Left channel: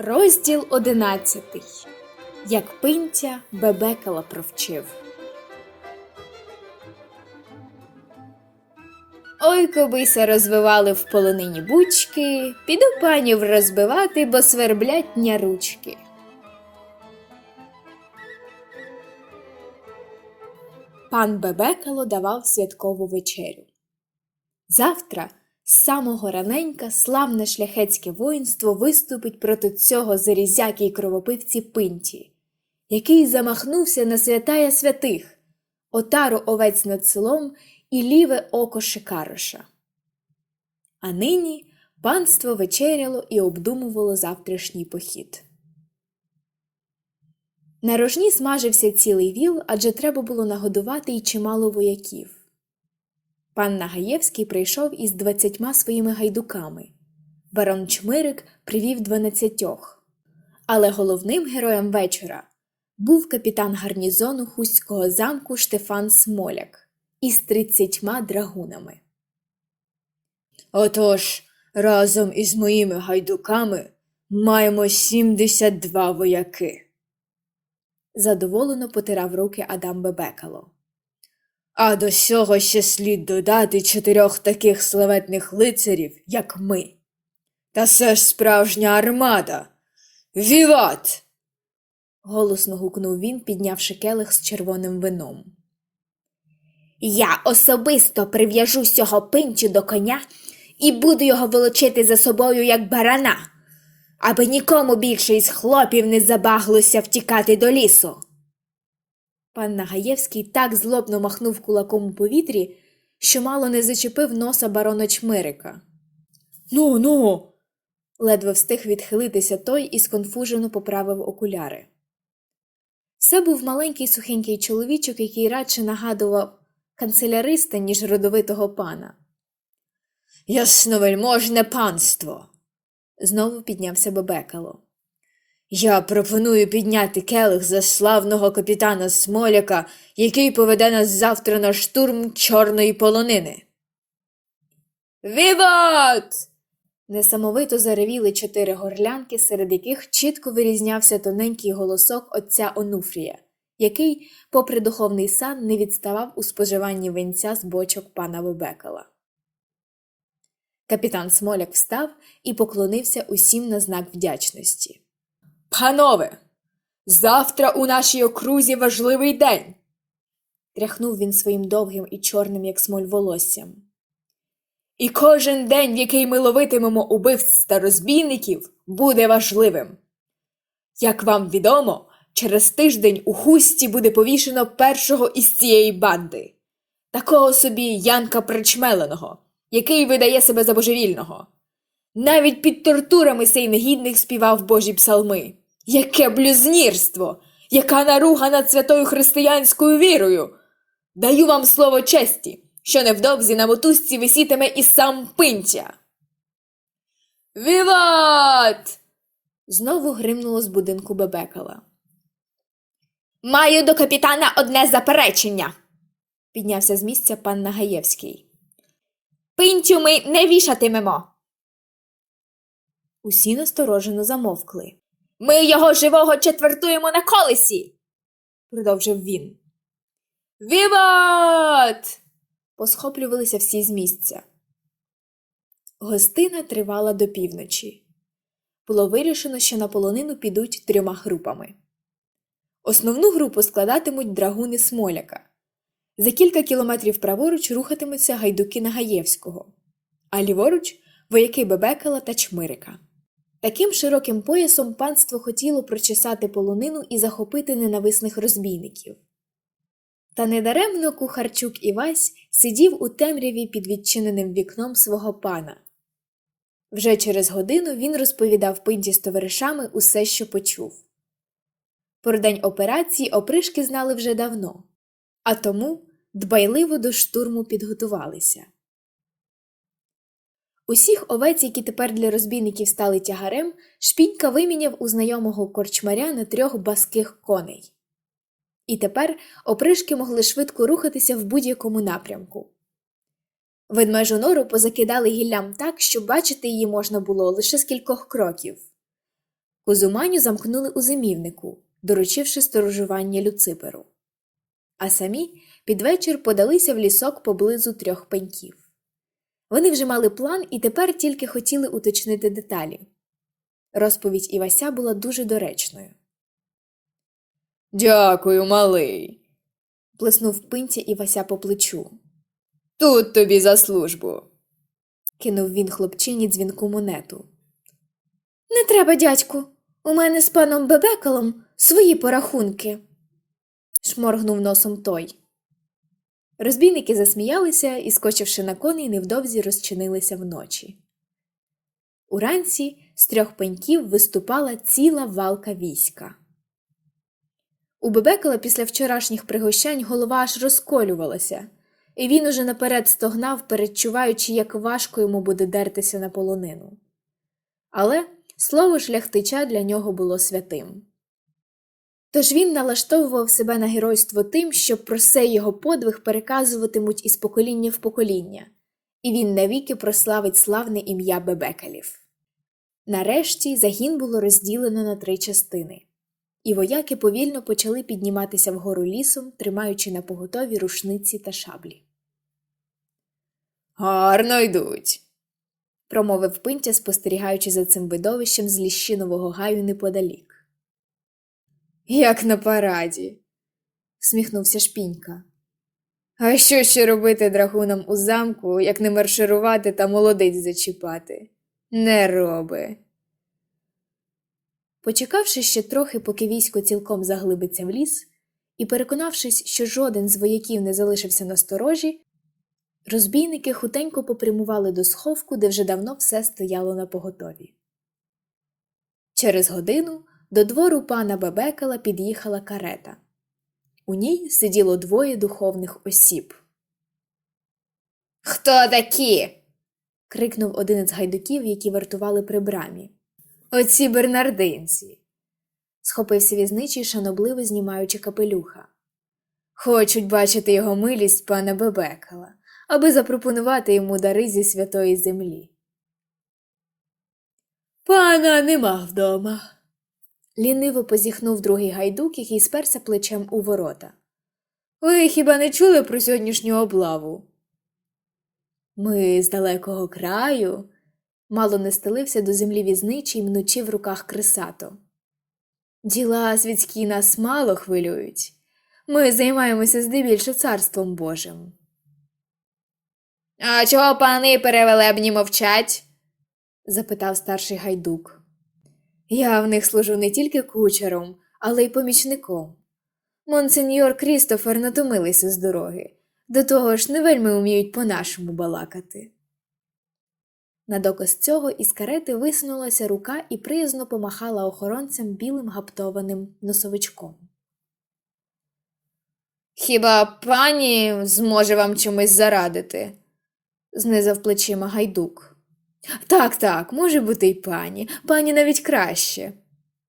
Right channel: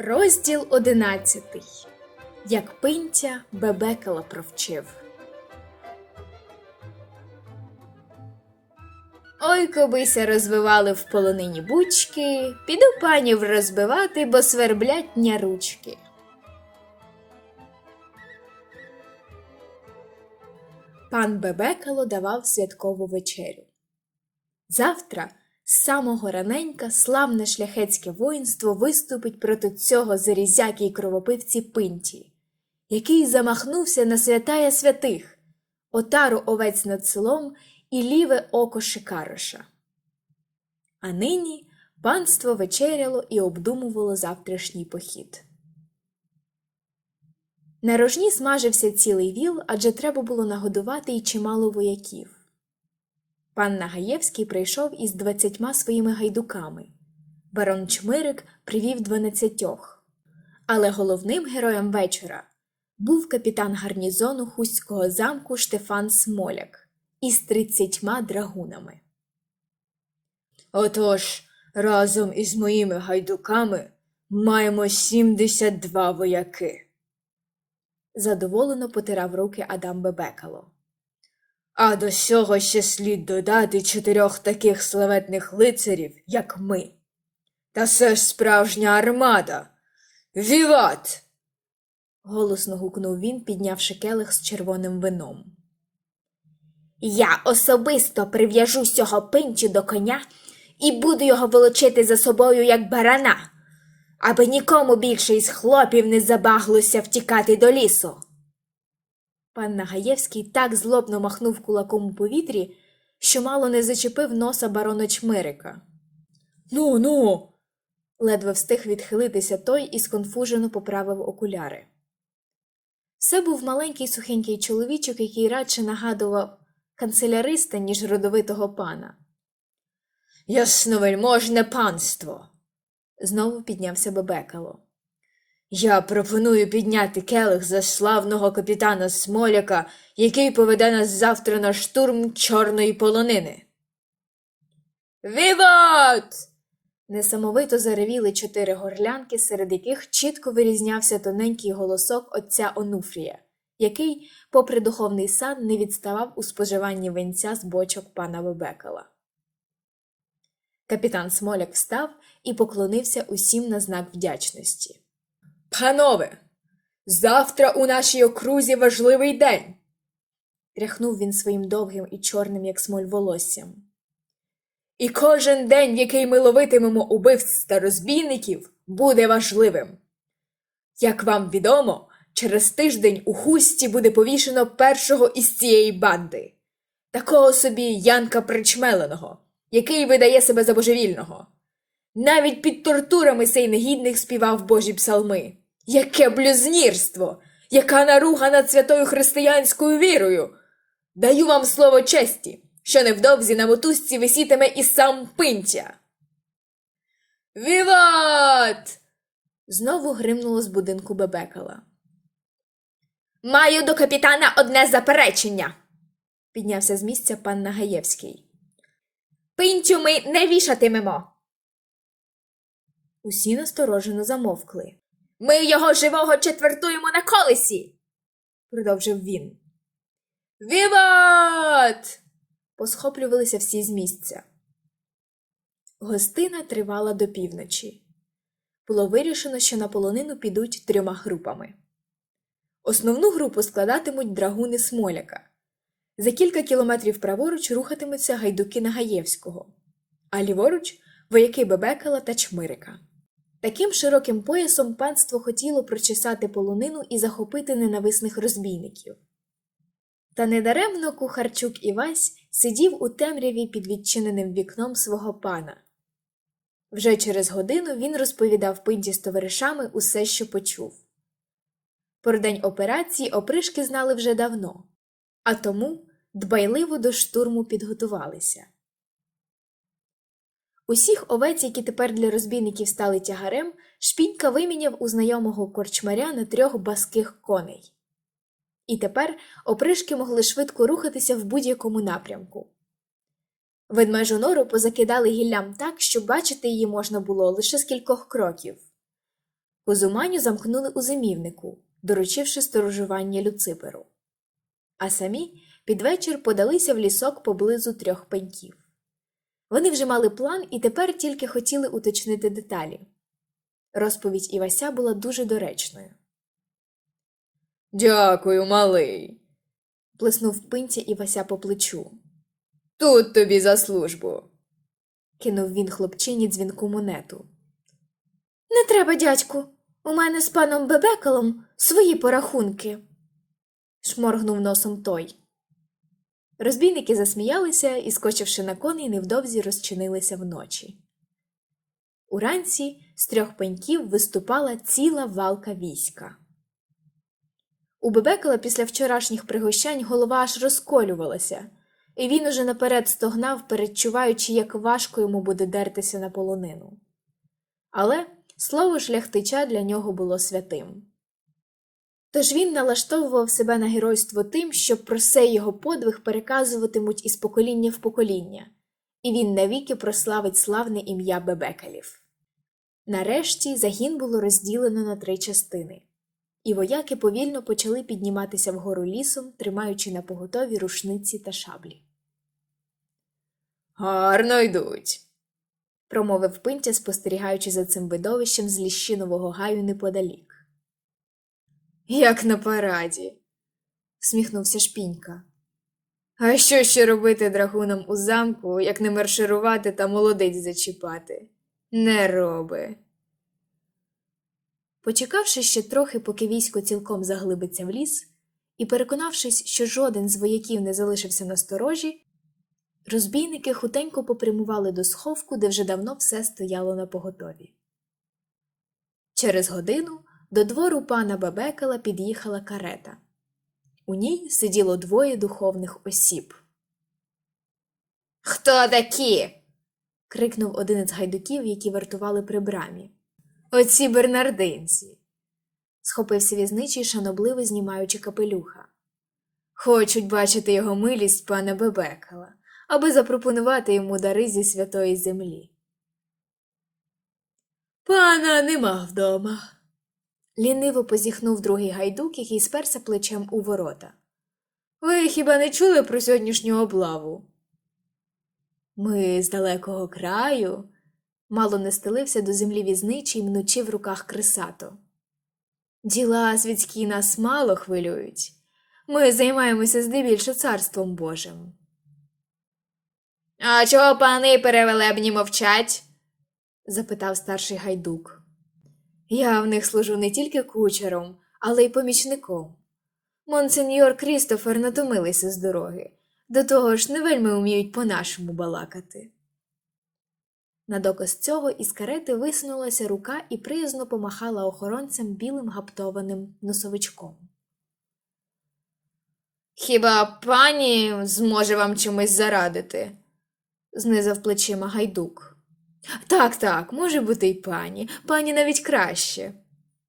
Розділ одинадцятий. Як пинтя бебекала провчив. Ой, кобися розвивали в полонині бучки, піду панів розбивати, бо сверблять ня ручки. Пан Бебекало давав святкову вечерю. Завтра з самого раненька славне шляхетське воїнство виступить проти цього зарізяки й кровопивці пинті, який замахнувся на святая святих, отару овець над селом і ліве око Шикароша. А нині панство вечеряло і обдумувало завтрашній похід. На рожні смажився цілий віл, адже треба було нагодувати й чимало вояків. Пан Нагаєвський прийшов із двадцятьма своїми гайдуками. Барон Чмирик привів дванадцятьох. Але головним героєм вечора був капітан гарнізону Хуського замку Штефан Смоляк із тридцятьма драгунами. Отож, разом із моїми гайдуками маємо сімдесят два вояки. Задоволено потирав руки Адам Бебекало. А до сього ще слід додати чотирьох таких славетних лицарів, як ми. Та це ж справжня армада. Віват! голосно гукнув він, піднявши келих з червоним вином. Я особисто прив'яжу сього пинчу до коня і буду його волочити за собою, як барана, аби нікому більше із хлопів не забаглося втікати до лісу. Пан Нагаєвський так злобно махнув кулаком у повітрі, що мало не зачепив носа барона Чмирика. Ну, ну. ледве встиг відхилитися той і сконфужено поправив окуляри. Це був маленький сухенький чоловічок, який радше нагадував канцеляриста, ніж родовитого пана. Ясновельможне панство. знову піднявся Бебекало. Я пропоную підняти келих за славного капітана Смоляка, який поведе нас завтра на штурм чорної полонини. Віват! Несамовито заревіли чотири горлянки, серед яких чітко вирізнявся тоненький голосок отця Онуфрія, який, попри духовний сан, не відставав у споживанні венця з бочок пана Бебекала. Капітан Смоляк встав і поклонився усім на знак вдячності. Панове, завтра у нашій окрузі важливий день. тряхнув він своїм довгим і чорним, як смоль волоссям. І кожен день, в який ми ловитимемо убивць та розбійників, буде важливим. Як вам відомо, через тиждень у хусті буде повішено першого із цієї банди, такого собі Янка Причмеленого, який видає себе за божевільного. Навіть під тортурами сей негідник співав божі псалми. Яке блюзнірство! Яка наруга над святою християнською вірою! Даю вам слово честі, що невдовзі на мотузці висітиме і сам пинтя. Віват! знову гримнуло з будинку Бебекала. Маю до капітана одне заперечення, піднявся з місця пан Нагаєвський. Пинтю ми не вішатимемо. Усі насторожено замовкли. Ми його живого четвертуємо на колесі, продовжив він. Віват! посхоплювалися всі з місця. Гостина тривала до півночі. Було вирішено, що на полонину підуть трьома групами. Основну групу складатимуть драгуни Смоляка. За кілька кілометрів праворуч рухатимуться гайдуки Нагаєвського, а ліворуч вояки Бебекала та Чмирика. Таким широким поясом панство хотіло прочесати полонину і захопити ненависних розбійників. Та недаремно кухарчук Івась сидів у темряві під відчиненим вікном свого пана. Вже через годину він розповідав пинті з товаришами усе, що почув. Про день операції опришки знали вже давно, а тому дбайливо до штурму підготувалися. Усіх овець, які тепер для розбійників стали тягарем, шпінька виміняв у знайомого корчмаря на трьох баских коней. І тепер опришки могли швидко рухатися в будь-якому напрямку. Ведмежу нору позакидали гіллям так, що бачити її можна було лише з кількох кроків. Кузуманю замкнули у зимівнику, доручивши сторожування Люциперу. А самі під вечір подалися в лісок поблизу трьох пеньків. Вони вже мали план і тепер тільки хотіли уточнити деталі. Розповідь Івася була дуже доречною. Дякую, малий. Плеснув пинця Івася по плечу. Тут тобі за службу. Кинув він хлопчині дзвінку монету. Не треба, дядьку. У мене з паном Бебекалом свої порахунки. шморгнув носом той. Розбійники засміялися і, скочивши на коней, невдовзі розчинилися вночі. Уранці з трьох пеньків виступала ціла валка війська. У Бебекала після вчорашніх пригощань голова аж розколювалася, і він уже наперед стогнав, передчуваючи, як важко йому буде дертися на полонину. Але слово шляхтича для нього було святим. Тож він налаштовував себе на геройство тим, що про сей його подвиг переказуватимуть із покоління в покоління, і він навіки прославить славне ім'я Бебекалів. Нарешті загін було розділено на три частини, і вояки повільно почали підніматися вгору лісом, тримаючи на поготові рушниці та шаблі. Гарно йдуть. промовив пинтя, спостерігаючи за цим видовищем з ліщинового гаю неподалік. Як на параді. Сміхнувся шпінька. А що ще робити драгунам у замку, як не марширувати та молодиць зачіпати? Не роби. Почекавши ще трохи, поки військо цілком заглибиться в ліс, і переконавшись, що жоден з вояків не залишився на сторожі, розбійники хутенько попрямували до сховку, де вже давно все стояло на поготові. Через годину до двору пана Бабекала під'їхала карета. У ній сиділо двоє духовних осіб. Хто такі? крикнув один із гайдуків, які вартували при брамі. Оці бернардинці. Схопився візничий, шанобливо знімаючи капелюха. Хочуть бачити його милість пана Бебекала, аби запропонувати йому дари зі святої землі. Пана нема вдома. Ліниво позіхнув другий гайдук, який сперся плечем у ворота. Ви хіба не чули про сьогоднішню облаву? Ми з далекого краю. Мало не стелився до землі візничий, мнучи в руках кресато. Діла світські нас мало хвилюють. Ми займаємося здебільше царством Божим. А чого пани перевелебні мовчать? запитав старший гайдук. Я в них служу не тільки кучером, але й помічником. Монсеньор Крістофер натомилися з дороги, до того ж не вельми уміють по-нашому балакати. На доказ цього із карети висунулася рука і приязно помахала охоронцям білим гаптованим носовичком. Хіба пані зможе вам чимось зарадити? знизав плечима гайдук. Так, так, може бути й пані, пані навіть краще,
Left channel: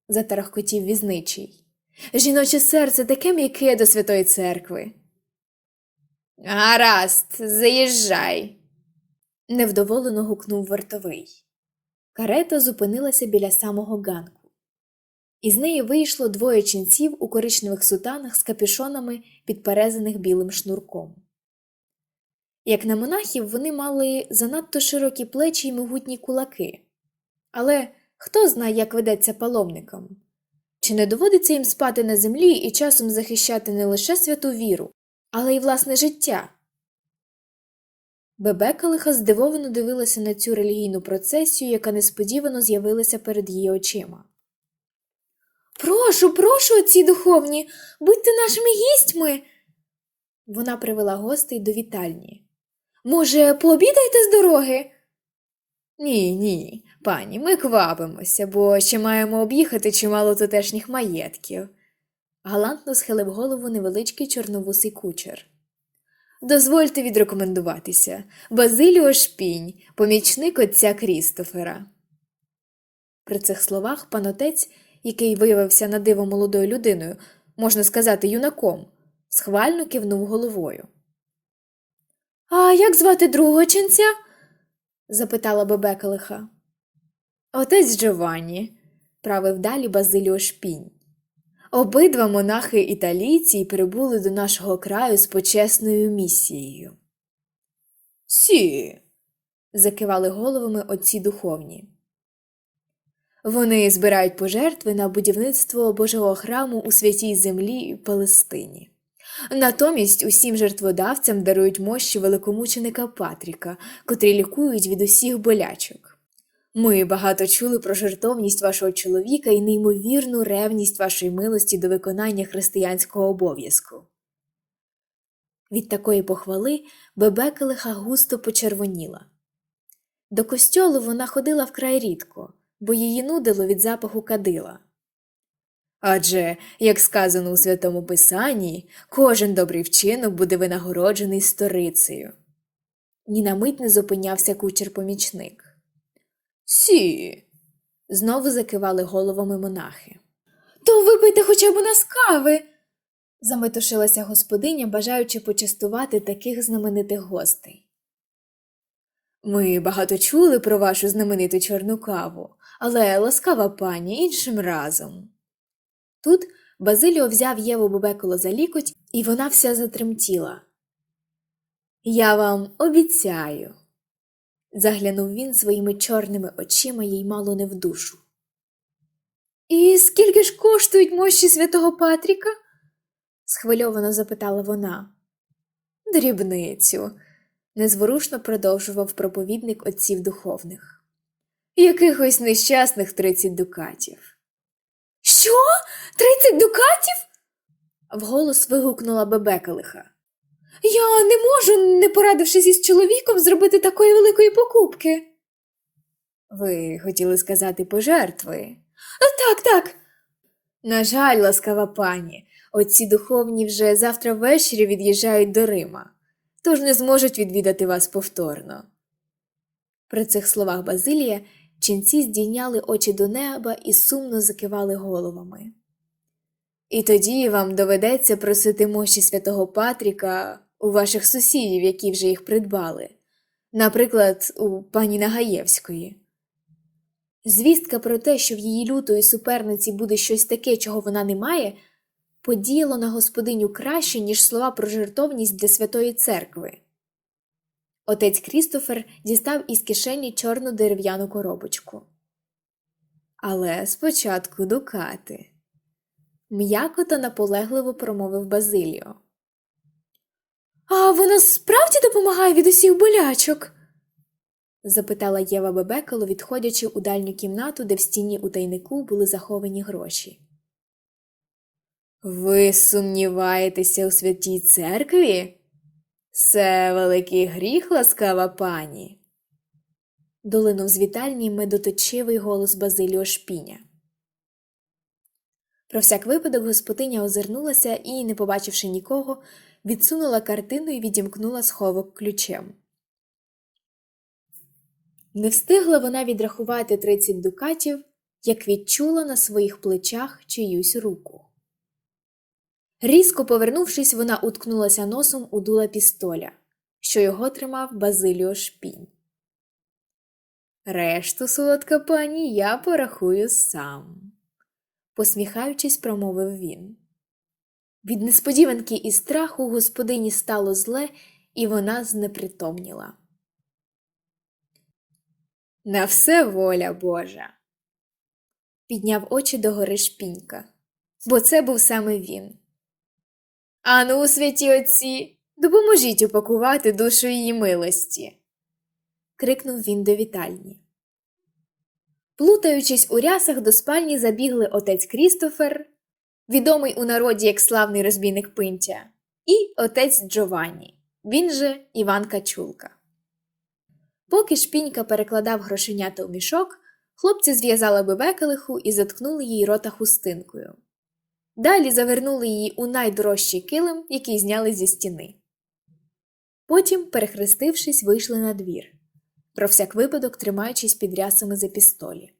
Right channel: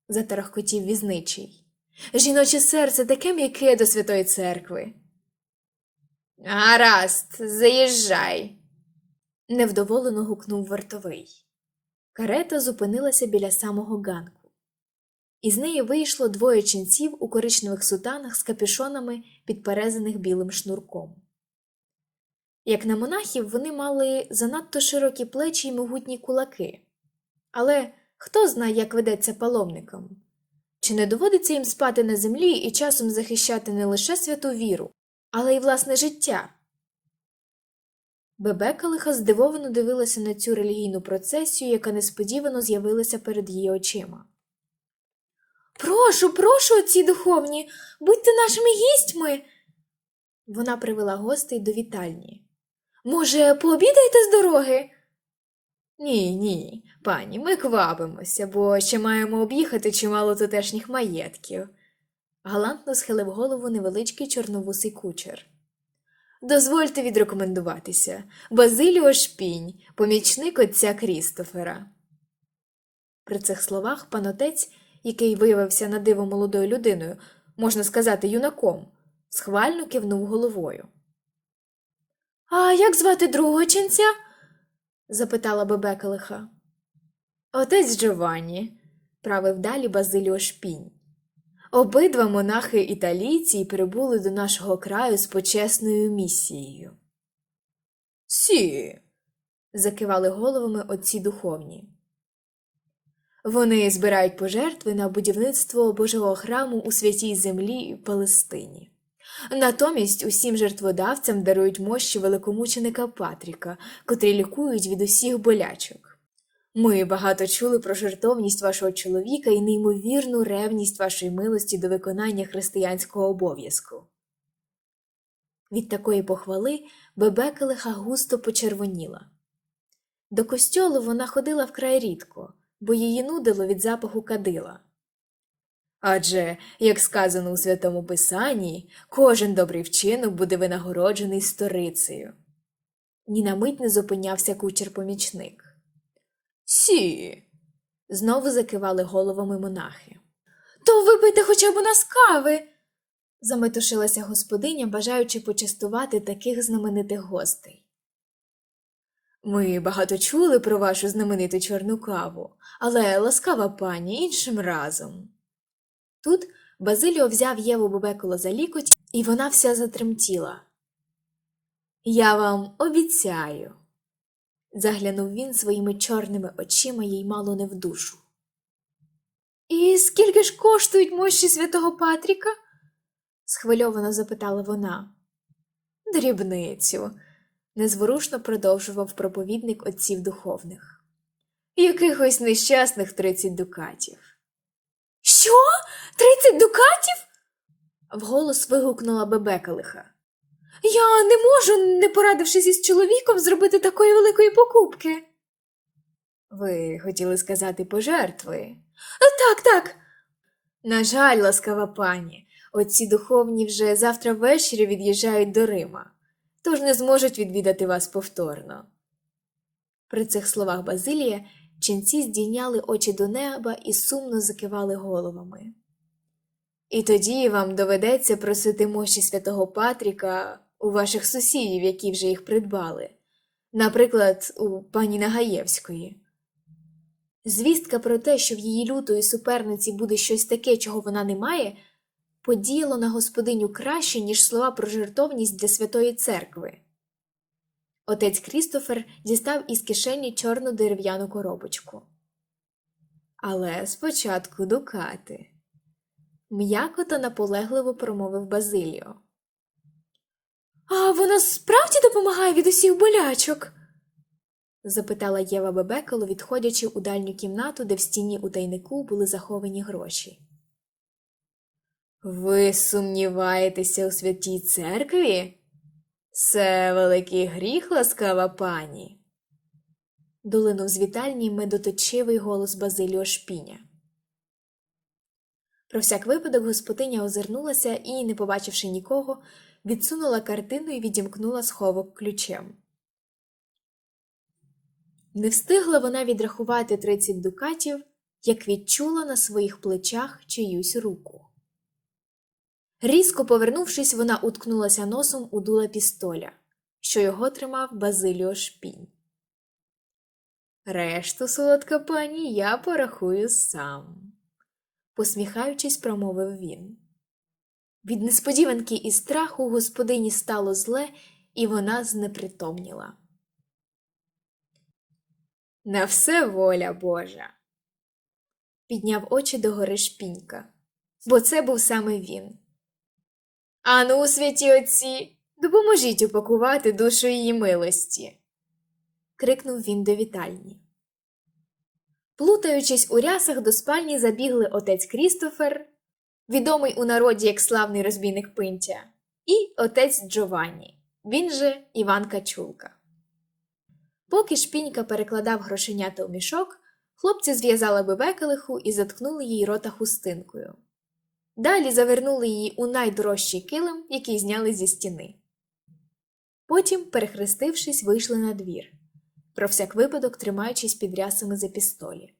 затарахкотів візничий. Жіноче серце таке м'яке до святої церкви. Гаразд, заїжджай, невдоволено гукнув вартовий. Карета зупинилася біля самого ганку. Із неї вийшло двоє ченців у коричневих сутанах з капюшонами, підперезаних білим шнурком. Як на монахів, вони мали занадто широкі плечі й могутні кулаки. Але хто знає, як ведеться паломникам? Чи не доводиться їм спати на землі і часом захищати не лише святу віру, але й власне життя? Бебекалиха здивовано дивилася на цю релігійну процесію, яка несподівано з'явилася перед її очима. Прошу, прошу, отці духовні, будьте нашими гістьми. Вона привела гостей до вітальні. Може, пообідаєте з дороги? Ні, ні, пані, ми квапимося, бо ще маємо об'їхати чимало тутешніх маєтків. Галантно схилив голову невеличкий чорновусий кучер. Дозвольте відрекомендуватися Базиліо Шпінь, помічник отця Крістофера. При цих словах панотець, який виявився на диво молодою людиною, можна сказати, юнаком, схвально кивнув головою. А як звати другого ченця? запитала Бебекалиха. Отець Джованні. правив далі Базиліо Шпінь. Обидва монахи італійці прибули до нашого краю з почесною місією. Сі. закивали головами отці духовні. Вони збирають пожертви на будівництво Божого храму у святій землі Палестині. Натомість усім жертводавцям дарують мощі великомученика Патріка, котрі лікують від усіх болячок. Ми багато чули про жертовність вашого чоловіка і неймовірну ревність вашої милості до виконання християнського обов'язку. Від такої похвали Бебекелиха густо почервоніла. До костьолу вона ходила вкрай рідко, бо її нудило від запаху кадила. Адже, як сказано у Святому Писанні, кожен добрий вчинок буде винагороджений сторицею. Ні на мить не зупинявся кучер-помічник. Сі. Знову закивали головами монахи. То випийте хоча б у нас кави. заметушилася господиня, бажаючи почастувати таких знаменитих гостей. Ми багато чули про вашу знамениту чорну каву, але ласкава пані іншим разом. Тут Базиліо взяв Єву Бебеколо за лікоть, і вона вся затремтіла. Я вам обіцяю. заглянув він своїми чорними очима їй мало не в душу. І скільки ж коштують мощі святого Патріка? схвильовано запитала вона. Дрібницю, незворушно продовжував проповідник отців духовних. якихось нещасних тридцять дукатів. Що? Тридцять дукатів? вголос вигукнула Бебекалиха. Я не можу, не порадившись із чоловіком, зробити такої великої покупки. Ви хотіли сказати пожертви? Так, так. На жаль, ласкава пані, отці духовні вже завтра ввечері від'їжджають до Рима, тож не зможуть відвідати вас повторно. При цих словах Базилія ченці здійняли очі до неба і сумно закивали головами. І тоді вам доведеться просити мощі святого Патріка у ваших сусідів, які вже їх придбали, наприклад, у пані Нагаєвської. Звістка про те, що в її лютої суперниці буде щось таке, чого вона не має, подіяло на господиню краще, ніж слова про жертовність для святої церкви. Отець Крістофер дістав із кишені чорну дерев'яну коробочку. Але спочатку дукати. М'яко та наполегливо промовив Базиліо. А вона справді допомагає від усіх болячок? запитала Єва Бебекело, відходячи у дальню кімнату, де в стіні у тайнику були заховані гроші. Ви сумніваєтеся у святій церкві? Це великий гріх, ласкава пані. долинув з вітальні медоточивий голос Базиліо Шпіня. Про всяк випадок господиня озирнулася і, не побачивши нікого, відсунула картину і відімкнула сховок ключем. Не встигла вона відрахувати тридцять дукатів, як відчула на своїх плечах чиюсь руку. Різко повернувшись, вона уткнулася носом у дула пістоля, що його тримав Базиліо Шпінь. Решту, солодка пані, я порахую сам, посміхаючись, промовив він. Від несподіванки і страху господині стало зле, і вона знепритомніла. На все воля Божа. Підняв очі догори шпінька, бо це був саме він. Ану, святі отці, допоможіть упакувати душу її милості. крикнув він до вітальні. Плутаючись у рясах, до спальні забігли отець Крістофер, відомий у народі як славний розбійник Пинтя, і отець Джованні, він же Іван Качулка. Поки шпінька перекладав грошенята у мішок, хлопці зв'язали бебекелиху і заткнули їй рота хустинкою. Далі завернули її у найдорожчий килим, який зняли зі стіни. Потім, перехрестившись, вийшли на двір, про всяк випадок тримаючись під рясами за пістолі.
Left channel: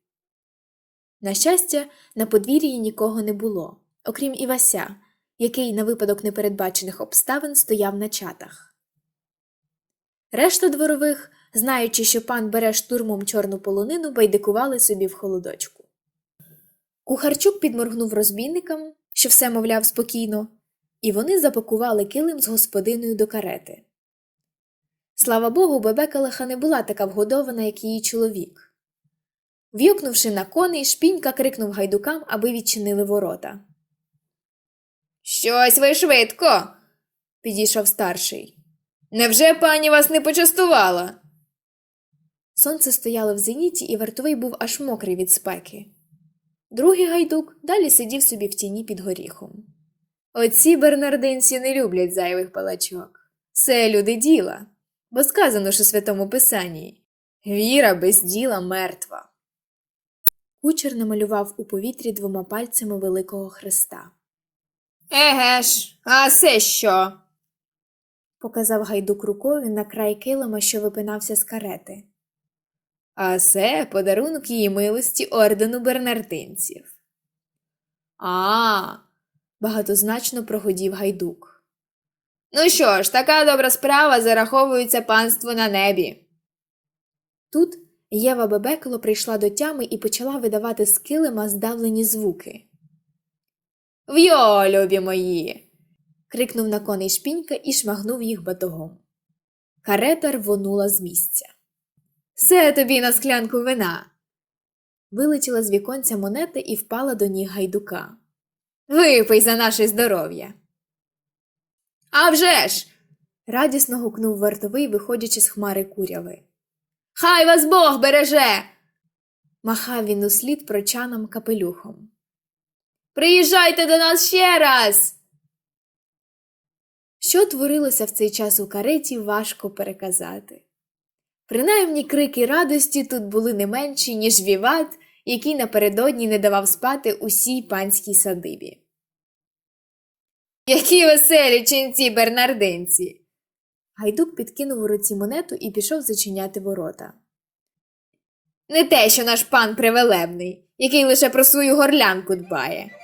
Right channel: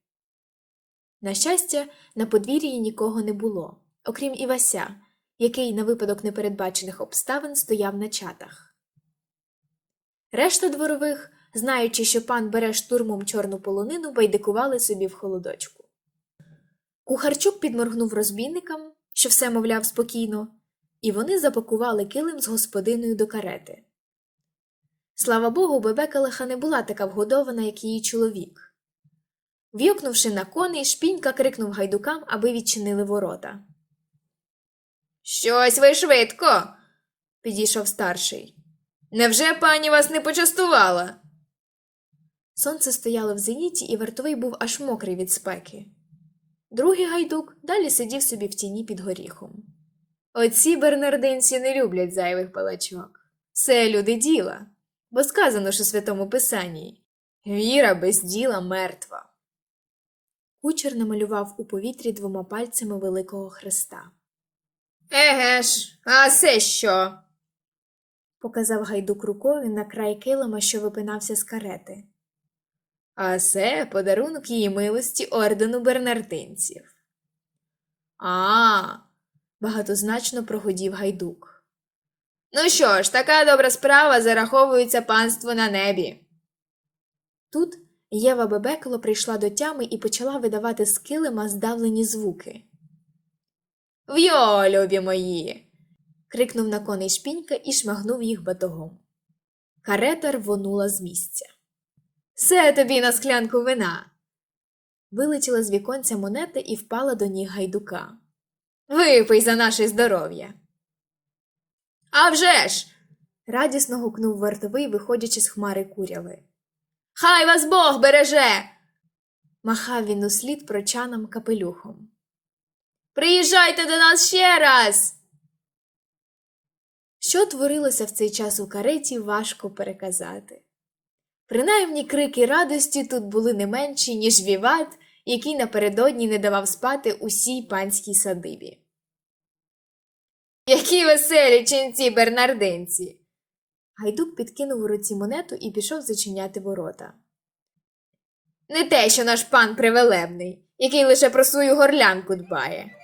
На щастя, на подвір'ї нікого не було, окрім Івася, який на випадок непередбачених обставин стояв на чатах. Решта дворових, знаючи, що пан бере штурмом чорну полонину, байдикували собі в холодочку. Кухарчук підморгнув розбійникам, що все мовляв спокійно, і вони запакували килим з господиною до карети. Слава Богу, Бебекалиха не була така вгодована, як її чоловік. В'юкнувши на коней, шпінька крикнув гайдукам, аби відчинили ворота. Щось ви швидко, підійшов старший. Невже пані вас не почастувала? Сонце стояло в зеніті, і вартовий був аж мокрий від спеки. Другий гайдук далі сидів собі в тіні під горіхом. Оці бернардинці не люблять зайвих палачок. Це люди діла, бо сказано ж у святому писанні віра без діла мертва. Кучер намалював у повітрі двома пальцями великого хреста. Еге ж, а це що? Показав гайдук рукою на край килима, що випинався з карети. А це подарунок її милості ордену бернардинців. А, Багатозначно прогодів гайдук. ну що ж, така добра справа зараховується панству на небі. Тут Єва Бебекело прийшла до тями і почала видавати з килима здавлені звуки. Вйо, любі мої. крикнув на коней шпінька і шмагнув їх батогом. Карета рвонула з місця. Все тобі на склянку вина. Вилетіла з віконця монета і впала до ніг гайдука. Випий за наше здоров'я. А вже ж! Радісно гукнув вартовий, виходячи з хмари куряви. Хай вас Бог береже! Махав він услід прочанам капелюхом. Приїжджайте до нас ще раз. Що творилося в цей час у кареті, важко переказати. Принаймні крики радості тут були не менші, ніж віват, який напередодні не давав спати усій панській садибі. Які веселі ченці бернардинці. Гайдук підкинув у руці монету і пішов зачиняти ворота. Не те, що наш пан привелебний, який лише про свою горлянку дбає.